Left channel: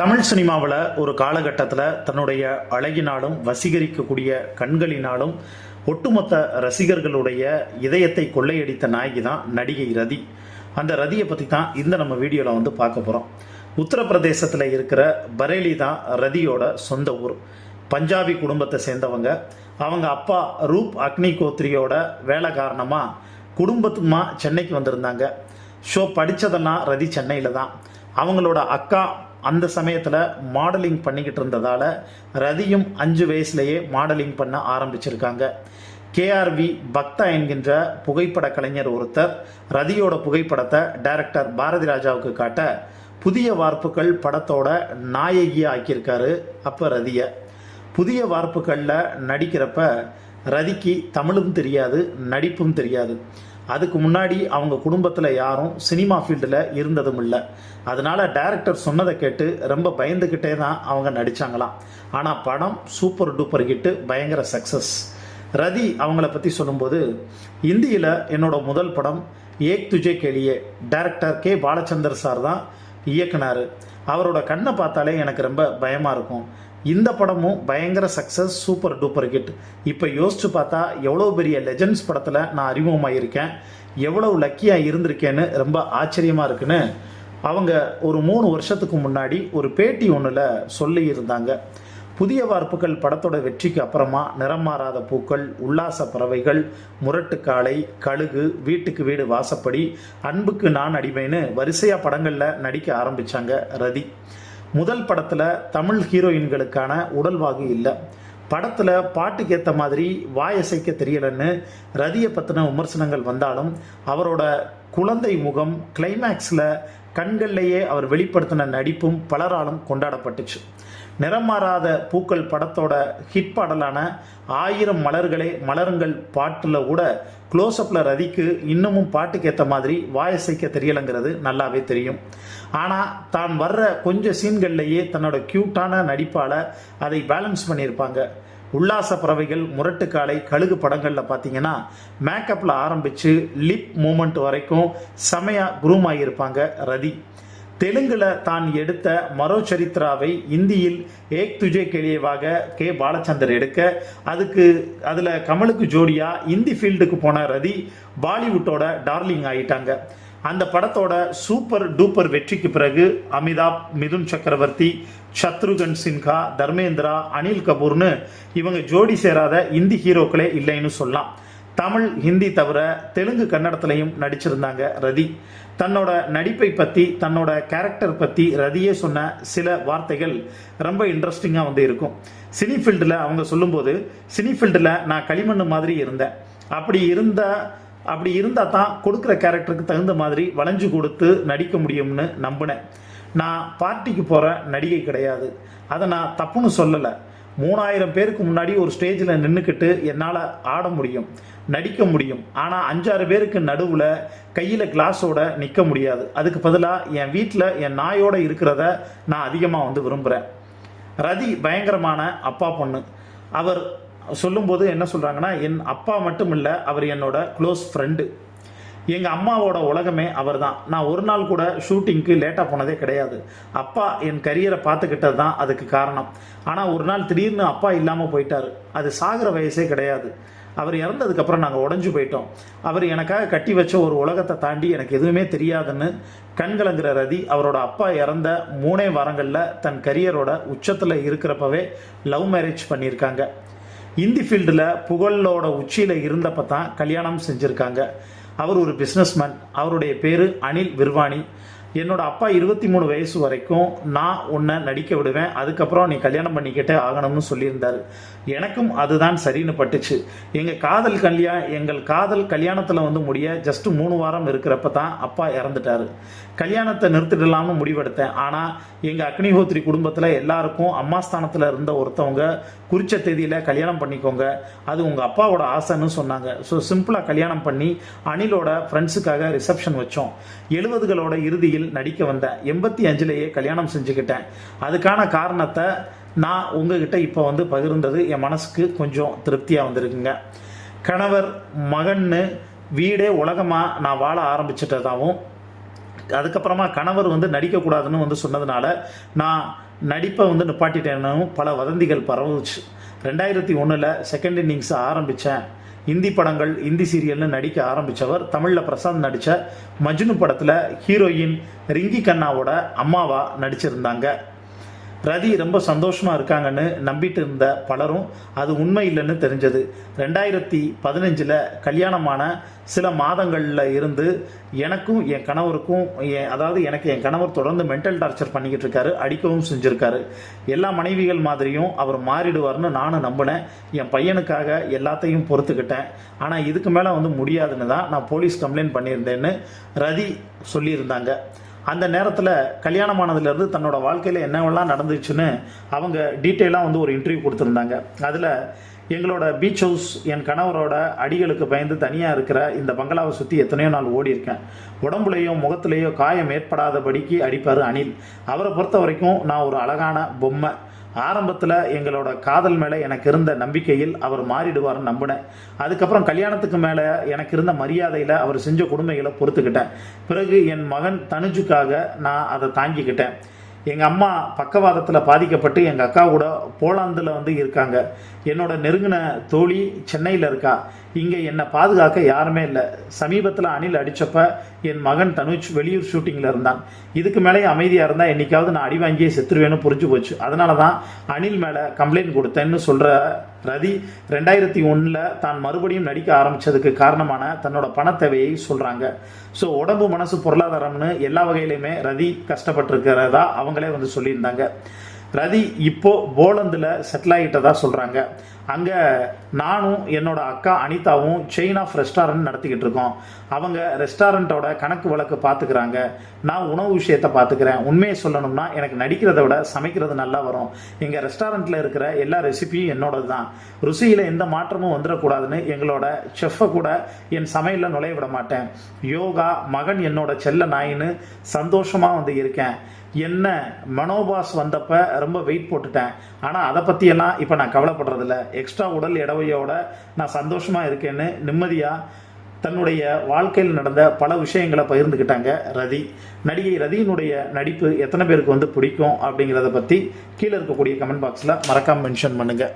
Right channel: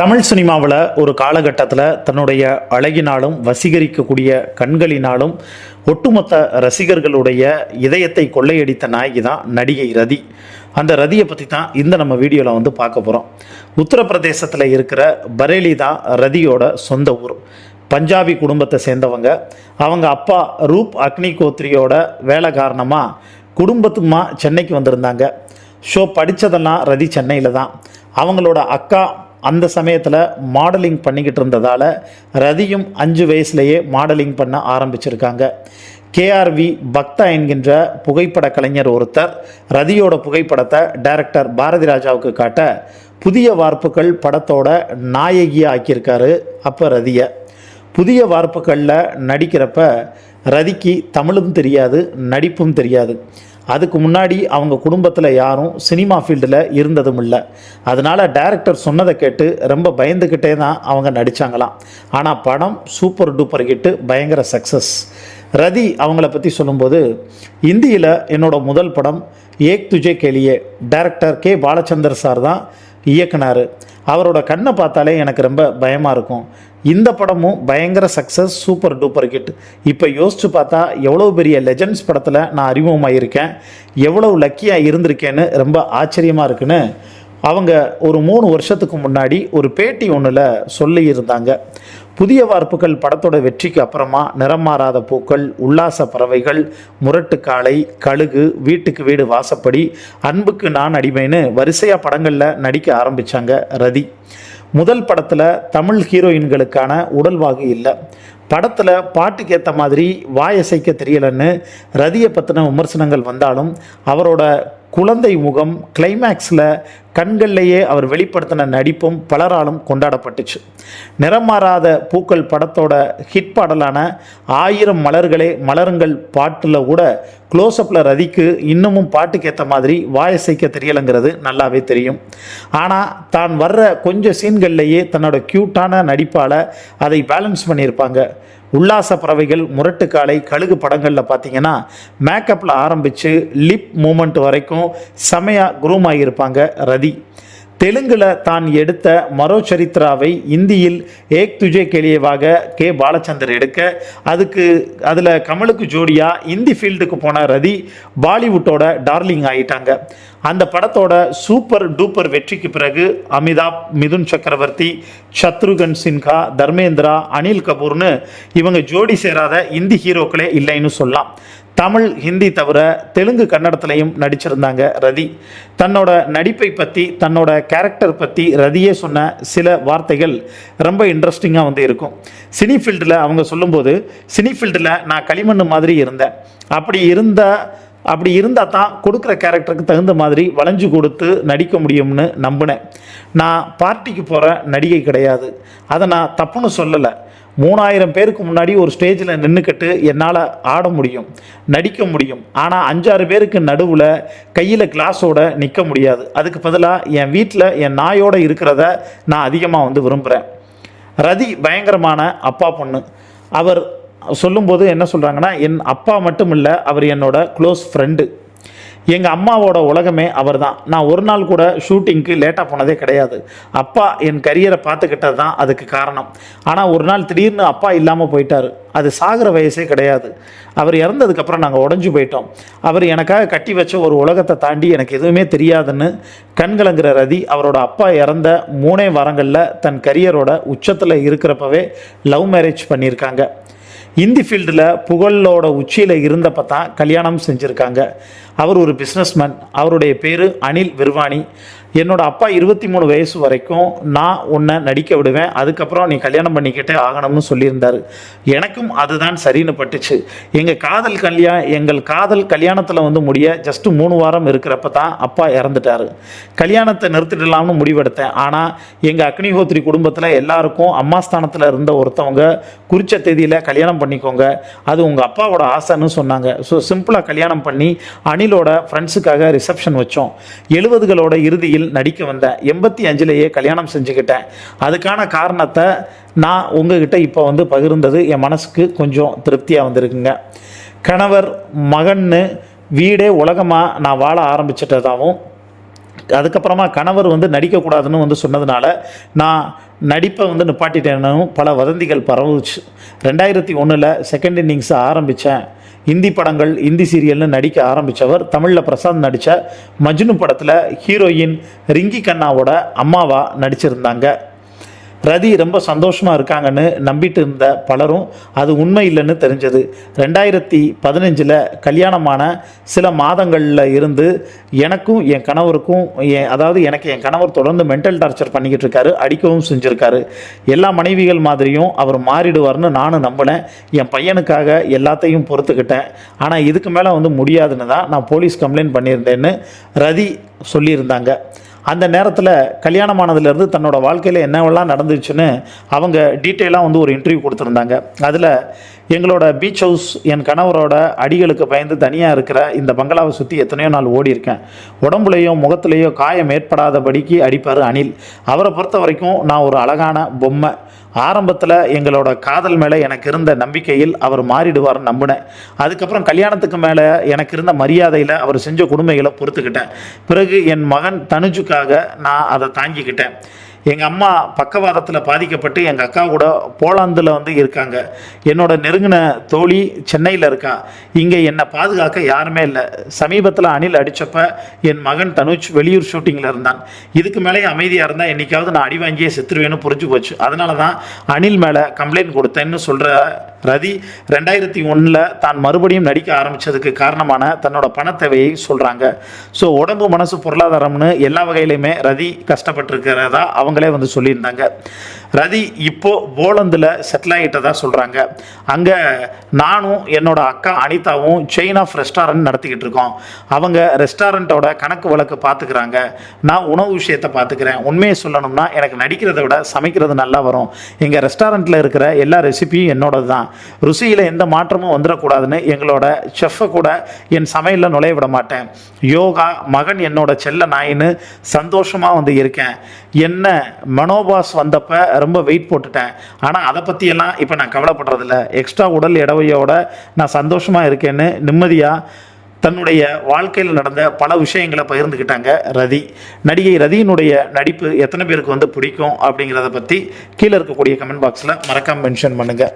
தமிழ் சினிமாவில் ஒரு காலகட்டத்தில் தன்னுடைய அழகினாலும் வசீகரிக்கக்கூடிய கண்களினாலும் ஒட்டுமொத்த ரசிகர்களுடைய இதயத்தை கொள்ளையடித்த நாயகி தான் நடிகை ரதி. அந்த ரதியை பற்றி தான் இந்த நம்ம வீடியோவில் வந்து பார்க்க போகிறோம் உத்தரப்பிரதேசத்தில் இருக்கிற பரேலி தான் ரதியோட சொந்த ஊர். பஞ்சாபி குடும்பத்தை சேர்ந்தவங்க. அவங்க அப்பா ரூப் அக்னி கோத்ரியோட வேலை காரணமாக குடும்பத்துமா சென்னைக்கு வந்திருந்தாங்க. ஷோ படித்ததெல்லாம் ரதி சென்னையில் தான். அவங்களோட அக்கா அந்த சமயத்தில் மாடலிங் பண்ணிக்கிட்டு இருந்ததால் ரதியும் அஞ்சு வயசுலேயே மாடலிங் பண்ண ஆரம்பிச்சிருக்காங்க. கேஆர்வி பக்தா என்கின்ற புகைப்பட கலைஞர் ஒருத்தர் ரதியோட புகைப்படத்தை டைரக்டர் பாரதி ராஜாவுக்கு காட்ட புதிய வார்ப்புகள் படத்தோட நாயகியாக ஆக்கியிருக்காரு அப்போ ரதியை. புதிய வார்ப்புகளில் நடிக்கிறப்ப ரதிக்கு தமிழும் தெரியாது நடிப்பும் தெரியாது. அதுக்கு முன்னாடி அவங்க குடும்பத்தில் யாரும் சினிமா ஃபீல்டில் இருந்ததும் இல்லை அதனால் டைரக்டர் சொன்னதை கேட்டு ரொம்ப பயந்துக்கிட்டே தான் அவங்க நடித்தாங்களாம் ஆனால் படம் சூப்பர் டூப்பர் ஹிட்டு பயங்கர சக்ஸஸ் ரதி அவங்கள பற்றி சொல்லும்போது இந்தியில் என்னோட முதல் படம் Ek Duje Ke Liye. Director K Balachander sir தான் இயக்குனார். அவரோட கண்ணை பார்த்தாலே எனக்கு ரொம்ப பயமாக இருக்கும். இந்த படமும் பயங்கர சக்ஸஸ் சூப்பர் டூப்பர் ஹிட் இப்போ யோசிச்சு பார்த்தா எவ்வளோ பெரிய லெஜண்ட்ஸ் படத்தில் நான் அறிமுகமாயிருக்கேன். எவ்வளோ லக்கியாக இருந்திருக்கேன்னு ரொம்ப ஆச்சரியமாக இருக்குன்னு அவங்க ஒரு மூணு வருஷத்துக்கு முன்னாடி ஒரு பேட்டி ஒன்றில் சொல்லியிருந்தாங்க. புதிய வார்ப்புகள் படத்தோட வெற்றிக்கு அப்புறமா நிறம் மாறாத பூக்கள் உல்லாச பறவைகள் முரட்டு காளை கழுகு வீட்டுக்கு வீடு வாசப்படி அன்புக்கு நான் அடிமைன்னு வரிசையாக படங்களில் நடிக்க ஆரம்பித்தாங்க ரதி. முதல் படத்தில் தமிழ் ஹீரோயின்களுக்கான உடல்வாகு இல்லை. படத்தில் பாட்டுக்கு ஏற்ற மாதிரி வாயசைக்க தெரியலன்னு ரதியை பற்றின விமர்சனங்கள் வந்தாலும் அவரோட குழந்தை முகம் கிளைமேக்ஸில் கண்கள்லேயே அவர் வெளிப்படுத்தின நடிப்பும் பலராலும் கொண்டாடப்பட்டுச்சு. நிறமாறாத பூக்கள் படத்தோட ஹிட் பாடலான ஆயிரம் மலர்களே மலருங்கள் பாட்டில் கூட க்ளோஸ்அப்பில் ரதிக்கு இன்னமும் பாட்டுக்கு ஏற்ற மாதிரி வாயசைக்க தெரியலைங்கிறது நல்லாவே தெரியும். ஆனால் தான் வர்ற கொஞ்சம் சீன்கள்லேயே தன்னோட க்யூட்டான நடிப்பால் அதை பேலன்ஸ் பண்ணியிருப்பாங்க. உல்லாச பறவைகள் முரட்டுக்காலை கழுகு படங்களில் பார்த்தீங்கன்னா மேக்கப்பில் ஆரம்பித்து லிப் மூமெண்ட் வரைக்கும் செமையாக குரூம் ஆகியிருப்பாங்க ரதி. தெலுங்கில் தான் எடுத்த மரோ சரித்ராவை இந்தியில் ஏக் துஜே கெளியவாக கே பாலச்சந்தர் எடுக்க அதுக்கு அதில் கமலுக்கு ஜோடியாக இந்தி ஃபீல்டுக்கு போன ரதி பாலிவுட்டோட டார்லிங் ஆகிட்டாங்க அந்த படத்தோட சூப்பர் டூப்பர் வெற்றிக்கு பிறகு அமிதாப் மிதுன் சக்கரவர்த்தி சத்ருகன் சின்ஹா தர்மேந்திரா அனில் கபூர்னு இவங்க ஜோடி சேராத இந்தி ஹீரோக்களே இல்லைன்னு சொல்லலாம். தமிழ் ஹிந்தி தவிர தெலுங்கு கன்னடத்துலையும் நடிச்சிருந்தாங்க ரதி. தன்னோட நடிப்பை பற்றி தன்னோட கேரக்டர் பற்றி ரதியே சொன்ன சில வார்த்தைகள் ரொம்ப இன்ட்ரெஸ்டிங்காக வந்து இருக்கும். சினி ஃபீல்டில் அவங்க சொல்லும்போது சினி ஃபீல்டில் நான் களிமண் மாதிரி இருந்தேன். அப்படி இருந்த அப்படி இருந்தால் தான் கொடுக்குற கேரக்டருக்கு தகுந்த மாதிரி வளைஞ்சு கொடுத்து நடிக்க முடியும்னு நம்பினேன். நான் பார்ட்டிக்கு போகிற நடிகை கிடையாது. அதை நான் தப்புன்னு சொல்லலை. மூணாயிரம் பேருக்கு முன்னாடி ஒரு ஸ்டேஜில் நின்றுக்கிட்டு என்னால் ஆட முடியும் நடிக்க முடியும். ஆனால் அஞ்சாறு பேருக்கு நடுவில் கையில் கிளாஸோட நிற்க முடியாது. அதுக்கு பதிலாக என் வீட்டில் என் நாயோடு இருக்கிறத நான் அதிகமாக வந்து விரும்புகிறேன் ரதி பயங்கரமான அப்பா பொண்ணு. அவர் சொல்லும்போது என்ன சொல்கிறாங்கன்னா என் அப்பா மட்டும் இல்லை அவர் என்னோட க்ளோஸ் ஃப்ரெண்டு எங்கள் அம்மாவோட உலகமே அவர் தான் நான் ஒரு நாள் கூட ஷூட்டிங்க்கு லேட்டாக போனதே கிடையாது. அப்பா என் கரியரை பார்த்துக்கிட்டது தான் அதுக்கு காரணம். ஆனால் ஒரு நாள் திடீர்னு அப்பா இல்லாமல் போயிட்டார். அது சாகிற வயசே கிடையாது. அவர் இறந்ததுக்கப்புறம் நாங்கள் உடஞ்சி போயிட்டோம். அவர் எனக்காக கட்டி வச்ச ஒரு உலகத்தை தாண்டி எனக்கு எதுவுமே தெரியாதுன்னு கண்கலங்கிற ரதி அவரோட அப்பா இறந்த மூணே வாரங்களில் தன் கரியரோட உச்சத்தில் இருக்கிறப்பவே லவ் மேரேஜ் பண்ணியிருக்காங்க. இந்தி ஃபீல்டில் புகழோட உச்சியில் இருந்தப்ப தான் கல்யாணம் செஞ்சுருக்காங்க. அவர் ஒரு பிஸ்னஸ்மேன் அவருடைய பேர் அனில் விர்வாணி என்னோட அப்பா இருபத்தி மூணு வயசு வரைக்கும் நான் உன்னை நடிக்க விடுவேன். அதுக்கப்புறம் நீ கல்யாணம் பண்ணிக்கிட்டே ஆகணும்னு சொல்லியிருந்தார். எனக்கும் அதுதான் சரின்னு பட்டுச்சு. எங்கள் காதல் கல்யாணம் எங்கள் காதல் கல்யாணத்தில் வந்து முடிய ஜஸ்ட்டு மூணு வாரம் இருக்கிறப்ப தான் அப்பா இறந்துட்டார். கல்யாணத்தை நிறுத்திடலாம்னு முடிவெடுத்தேன். ஆனால் எங்கள் அக்னிஹோத்ரி குடும்பத்தில் எல்லாருக்கும் அம்மா ஸ்தானத்தில் இருந்த ஒருத்தவங்க குறித்த தேதியில் கல்யாணம் பண்ணிக்கோங்க. அது உங்கள் அப்பாவோட ஆசைன்னு சொன்னாங்க. ஸோ சிம்பிளாக கல்யாணம் பண்ணி அனிலோட ஃப்ரெண்ட்ஸுக்காக ரிசப்ஷன் வச்சோம். எழுபதுகளோட இறுதியில் நடிக்க வந்தேன் எண்பத்தி அஞ்சுலேயே கல்யாணம் செஞ்சுக்கிட்டேன். அதுக்கான காரணத்தை நான் உங்ககிட்ட இப்போ வந்து பகிர்ந்தது. என் மனசுக்கு கொஞ்சம் திருப்தியாக வந்திருக்குங்க. கணவர் மகன்னு வீடே உலகமாக நான் வாழ ஆரம்பிச்சிட்டதாகவும் அதுக்கப்புறமா கணவர் வந்து நடிக்கக்கூடாதுன்னு வந்து சொன்னதுனால நான் நடிப்பை வந்து நிப்பாட்டிட்டேன்னு பல வதந்திகள் பரவுச்சு. ரெண்டாயிரத்தி ஒன்றில் செகண்ட் இன்னிங்ஸை ஆரம்பித்தேன் இந்தி படங்கள் இந்தி சீரியல்னு நடிக்க ஆரம்பித்தவர் தமிழில் பிரசாந்த் நடித்த மஜ்னு படத்தில் ஹீரோயின் ரிங்கி கண்ணாவோட அம்மாவா நடிச்சிருந்தாங்க. ரதி ரொம்ப சந்தோஷமாக இருக்காங்கன்னு நம்பிட்டு இருந்த பலரும் அது உண்மை இல்லைன்னு தெரிஞ்சது. ரெண்டாயிரத்தி பதினஞ்சில் கல்யாணமான சில மாதங்களில் இருந்து எனக்கும் என் கணவருக்கும் என் அதாவது எனக்கு என் கணவர் தொடர்ந்து மென்டல் டார்ச்சர் பண்ணிக்கிட்டு இருக்காரு அடிக்கவும் செஞ்சுருக்காரு. எல்லா மனைவிகள் மாதிரியும் அவர் மாறிடுவார்னு நானும் நம்பினேன். என் பையனுக்காக எல்லாத்தையும் பொறுத்துக்கிட்டேன். ஆனால் இதுக்கு மேலே வந்து முடியாதுன்னு தான் நான் போலீஸ் கம்ப்ளைண்ட் பண்ணியிருந்தேன்னு ரதி சொல்லியிருந்தாங்க. அந்த நேரத்தில் கல்யாணமானதுலேருந்து தன்னோட வாழ்க்கையில் என்னவெல்லாம் நடந்துச்சுன்னு அவங்க டீட்டெயிலாக வந்து ஒரு இன்டர்வியூ கொடுத்துருந்தாங்க. அதில் எங்களோட பீச் ஹவுஸ் என் கணவரோட அடிகளுக்கு பயந்து தனியாக இருக்கிற இந்த பங்களாவை சுற்றி எத்தனையோ நாள் ஓடி இருக்கேன். உடம்புலையோ முகத்துலேயோ காயம் ஏற்படாதபடிக்கு அடிப்பார் அனில். அவரை பொறுத்த வரைக்கும் நான் ஒரு அழகான பொம்மை. ஆரம்பத்தில் எங்களோட காதல் மேலே எனக்கு இருந்த நம்பிக்கையில் அவர் மாறிடுவார்னு நம்பினேன். அதுக்கப்புறம் கல்யாணத்துக்கு மேலே எனக்கு இருந்த மரியாதையில் அவர் செஞ்ச கொடுமைகளை பொறுத்துக்கிட்டேன். பிறகு என் மகன் தனுஜுக்காக நான் அதை தாங்கிக்கிட்டேன். எங்கள் அம்மா பக்கவாதத்தில் பாதிக்கப்பட்டு எங்கள் அக்கா கூட போலாந்தில் வந்து இருக்காங்க. என்னோட நெருங்கின தோழி சென்னையில் இருக்கா. இங்கே என்னை பாதுகாக்க யாருமே இல்லை. சமீபத்தில் அணில் அடித்தப்ப என் மகன் தனுஜ் வெளியூர் ஷூட்டிங்கில் இருந்தான். இதுக்கு மேலே அமைதியாக இருந்தால் என்னைக்காவது நான் அடி வாங்கியே செத்துருவேன்னு புரிஞ்சு போச்சு. அதனால தான் அணில் மேலே கம்ப்ளைண்ட் கொடுத்தேன்னு சொல்கிற ரதி ரெண்டாயிரத்தி ஒன்றில் தான் மறுபடியும் நடிக்க ஆரம்பித்ததுக்கு காரணமான தன்னோட பணத்தேவையை சொல்கிறாங்க ஸோ உடம்பு மனசு பொருளாதாரம்னு எல்லா வகையிலையுமே ரதி கஷ்டப்பட்டிருக்கிறதா அவங்களே வந்து சொல்லியிருந்தாங்க. ரதி இப்போ போலந்தில் செட்டில் ஆகிட்டதா சொல்கிறாங்க அங்கே நானும் என்னோட அக்கா அனிதாவும் செயின் ஆஃப் ரெஸ்டாரண்ட் நடத்திக்கிட்டு இருக்கோம். அவங்க ரெஸ்டாரண்ட்டோட கணக்கு வழக்கு பார்த்துக்கிறாங்க நான் உணவு விஷயத்தை பார்த்துக்கிறேன் உண்மையை சொல்லணும்னா எனக்கு நடிக்கிறத விட சமைக்கிறது நல்லா வரும். எங்கள் ரெஸ்டாரண்ட்டில் இருக்கிற எல்லா ரெசிபியும் என்னோடது தான் ருசியில் எந்த மாற்றமும் வந்துடக்கூடாதுன்னு எங்களோட செஃப்பை கூட என் சமையலில் நுழைய விட மாட்டேன். யோகா மகன் என்னோட செல்ல நாயின்னு சந்தோஷமாக வந்து இருக்கேன். என்ன மனோபாஸ் வந்தப்போ ரொம்ப வெயிட் போட்டுட்டேன். ஆனால் அதை பற்றியெல்லாம் இப்போ நான் கவலைப்படுறதில்ல. எக்ஸ்ட்ரா உடல் எடவையோட நான் சந்தோஷமாக இருக்கேன்னு நிம்மதியாக தன்னுடைய வாழ்க்கையில் நடந்த பல விஷயங்களை பகிர்ந்துக்கிட்டாங்க ரதி. நடிகை ரதியினுடைய நடிப்பு எத்தனை பேருக்கு வந்து பிடிக்கும் அப்படிங்கிறத பற்றி கீழே இருக்கக்கூடிய கமெண்ட் பாக்ஸில் மறக்காமல் மென்ஷன் பண்ணுங்கள்